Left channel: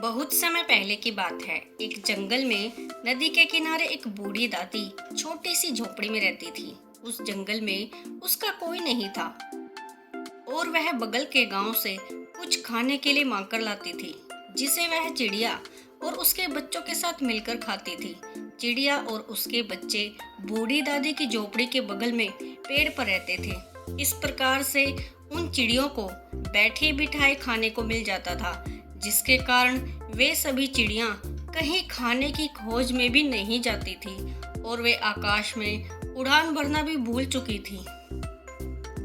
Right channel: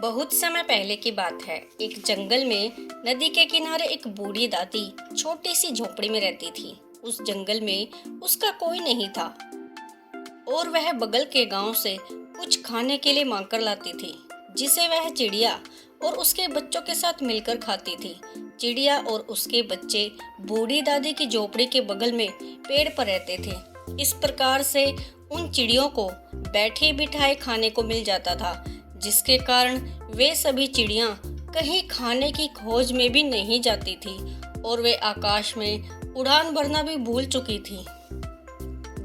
बहुत समय पहले की बात है। एक जंगल में नदी के किनारे एक बूढ़ी दादी छोटी सी झोपड़ी में रहती थी। उस जंगल में उसका कोई नहीं था और वह बगल के गांव से कुछ खाने के लिए मांग कर लाती थी, जिसे वह चिड़िया और उसके बच्चों के साथ मिलकर खाती थी। चिड़िया और उसके बच्चे बूढ़ी दादी की झोपड़ी के बगल में पेड़ पर रहते थे। इस प्रकार से उन चिड़ियों को बैठे बिठाए खाने को मिल जाता था, जिसके कारण वे सभी चिड़ियां कहीं खाने की खोज में भी नहीं जाती थी और वे आकाश में उड़ान भरना भी भूल चुकी थी।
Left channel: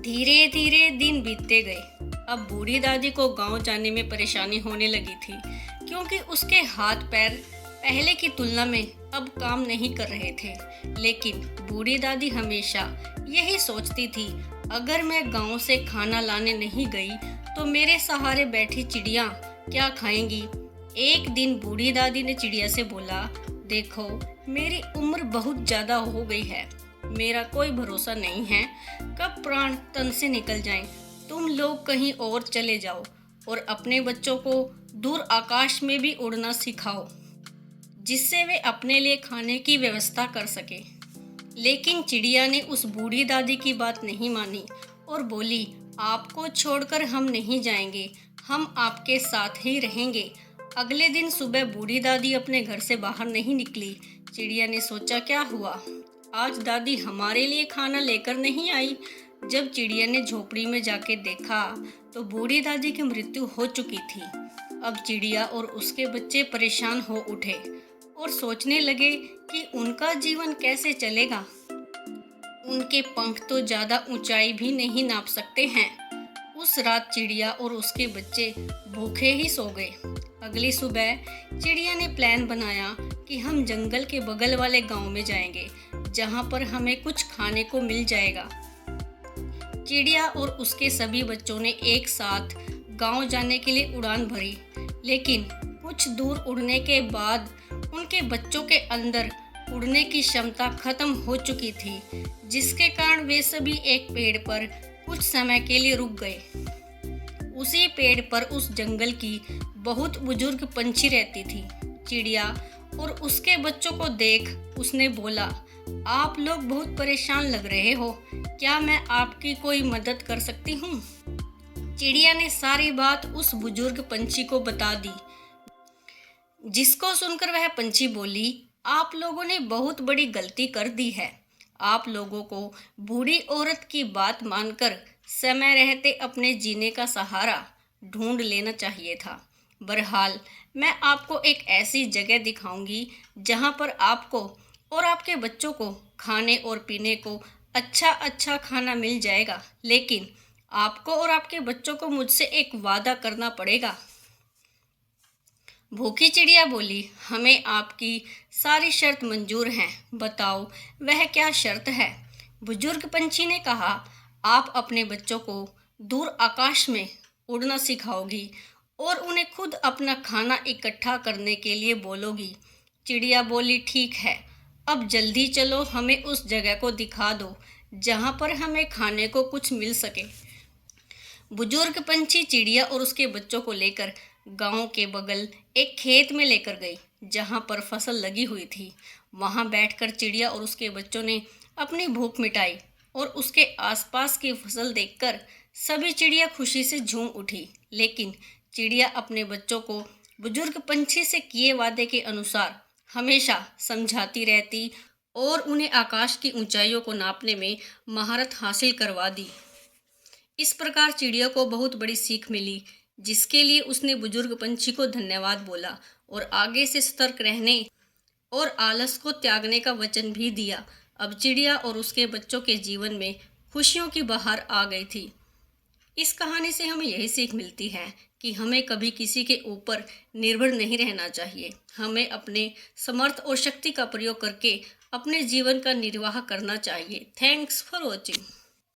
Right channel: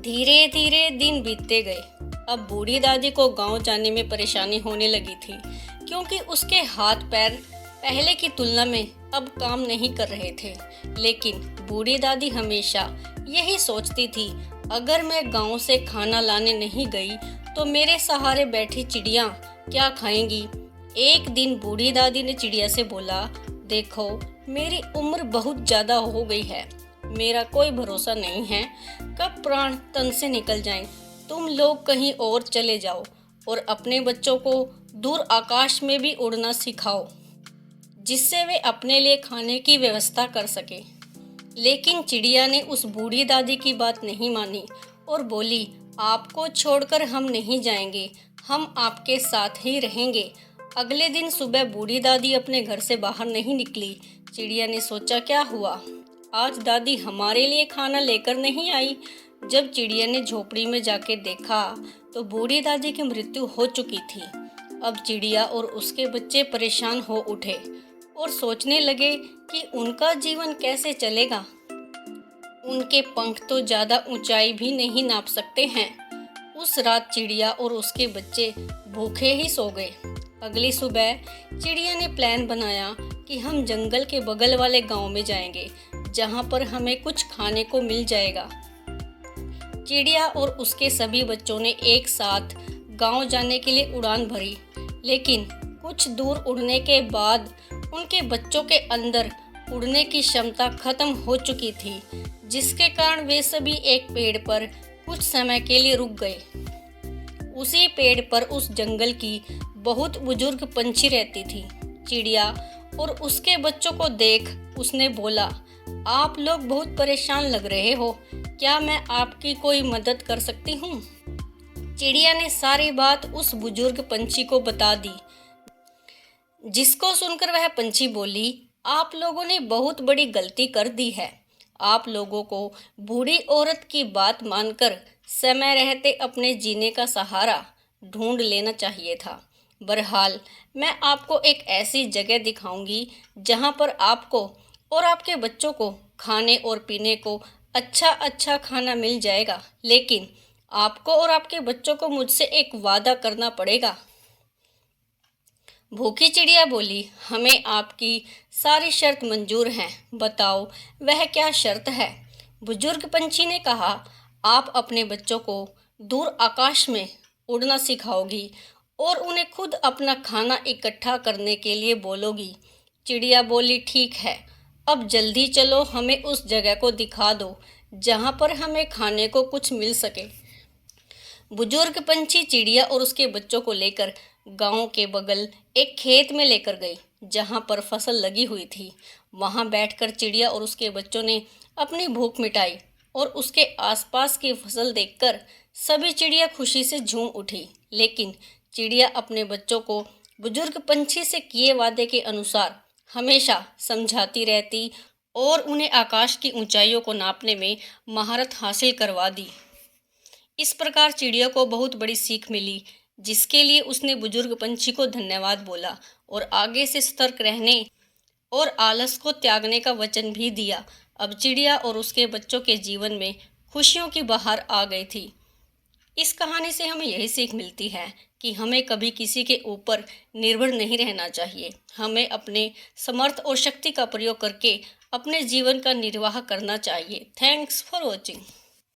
धीरे धीरे दिन बीतते गए। अब बूढ़ी दादी को गांव जाने में परेशानी होने लगी थी, क्योंकि उसके हाथ पैर पहले की तुलना में अब काम नहीं कर रहे थे। लेकिन बूढ़ी दादी हमेशा यही सोचती थी, अगर मैं गांव से खाना लाने नहीं गई तो मेरे सहारे बैठी चिड़िया क्या खाएंगी। एक दिन बूढ़ी दादी ने चिड़िया से बोला, देखो मेरी उम्र बहुत ज़्यादा हो गई है, मेरा कोई भरोसा नहीं है कब प्राण तन से निकल जाएं। तुम लोग कहीं और चले जाओ और अपने बच्चों को दूर आकाश में भी उड़ना सिखाओ, जिससे वे अपने लिए खाने की व्यवस्था कर सके। लेकिन चिड़िया ने उस बूढ़ी दादी की बात नहीं मानी और बोली, आपको छोड़कर हम नहीं जाएंगे, हम आपके साथ ही रहेंगे। अगले दिन सुबह बूढ़ी दादी अपने घर से बाहर नहीं निकली। चिड़िया ने सोचा, क्या हुआ, आज दादी हमारे लिए खाना लेकर नहीं आई। जब चिड़िया ने झोपड़ी में जाके देखा तो बूढ़ी दादी की मृत्यु हो चुकी थी। अब चिड़िया और उसके बच्चे परेशान हो उठे और सोचने लगे कि उनका जीवन कैसे चलेगा। उनके पंख तो ज़्यादा ऊंचाई भी नहीं नाप सकते हैं। उस रात चिड़िया और उसके बच्चे भूखे ही सो गए। अगली सुबह चिड़िया ने प्लान बनाया कि हम जंगल के बगल वाले गांव में जाएंगे, जहां पर हमें कुछ खाने को मिल जाएगा। चिड़िया और उसके सभी बच्चों ने एक साथ गांव जाने के लिए उड़ान भरी, लेकिन कुछ दूर उड़ने के बाद उनके बच्चों के अंदर उड़ने की क्षमता खत्म हो चुकी थी, जिसके कारण वे सभी एक पेड़ पर कुछ समय के लिए रुक गए। उसी पेड़ पर उस जंगल की बहुत बुजुर्ग पंछी रहती थी। चिड़िया और उसके बच्चों को देख उसने बोला, आप लोग बहुत परेशान लग रहे हो, क्या मैं आपकी कोई मदद कर सकती हूँ। चिड़िया ने सारी बात उस बुजुर्ग पंछी को बता दी, जिसको सुनकर वह पंछी बोली, आप लोगों ने बहुत बड़ी गलती कर दी है। आप लोगों को बूढ़ी औरत की बात मानकर समय रहते अपने जीने का सहारा ढूंढ लेना चाहिए था। बहरहाल मैं आपको एक ऐसी जगह दिखाऊंगी जहां पर आपको और आपके बच्चों को खाने और पीने को अच्छा खाना मिल जाएगा, लेकिन आपको और आपके बच्चों को मुझसे एक वादा करना पड़ेगा। भूखी चिड़िया बोली, हमें आपकी सारी शर्त मंजूर हैं, बताओ वह क्या शर्त है। बुजुर्ग पंछी ने कहा, आप अपने बच्चों को दूर आकाश में उड़ना सिखाओगी और उन्हें खुद अपना खाना इकट्ठा करने के लिए बोलोगी। चिड़िया बोली, ठीक है, अब जल्दी चलो, हमें उस जगह को दिखा दो जहाँ पर हमें खाने को कुछ मिल सके। बुजुर्ग पंछी चिड़िया और उसके बच्चों को लेकर गांव के बगल एक खेत में लेकर गई, जहां पर फसल लगी हुई थी। वहां बैठकर चिड़िया और उसके बच्चों ने अपनी भूख मिटाई और उसके आसपास की फसल देखकर सभी चिड़िया खुशी से झूम उठी। लेकिन चिड़िया अपने बच्चों को बुजुर्ग पंछी से किए वादे के अनुसार हमेशा समझाती रहती और उन्हें आकाश की ऊंचाइयों को नापने में महारत हासिल करवा दी। इस प्रकार चिड़िया को बहुत बड़ी सीख मिली, जिसके लिए उसने बुजुर्ग पंछी को धन्यवाद बोला और आगे से सतर्क रहने और आलस को त्यागने का वचन भी दिया। अब चिड़िया और उसके बच्चों के जीवन में खुशियों की बहार आ गई थी। इस कहानी से हमें यही सीख मिलती है कि हमें कभी किसी के ऊपर निर्भर नहीं रहना चाहिए। हमें अपने समर्थ और शक्ति का प्रयोग करके अपने जीवन का निर्वाह करना चाहिए। Thanks for watching.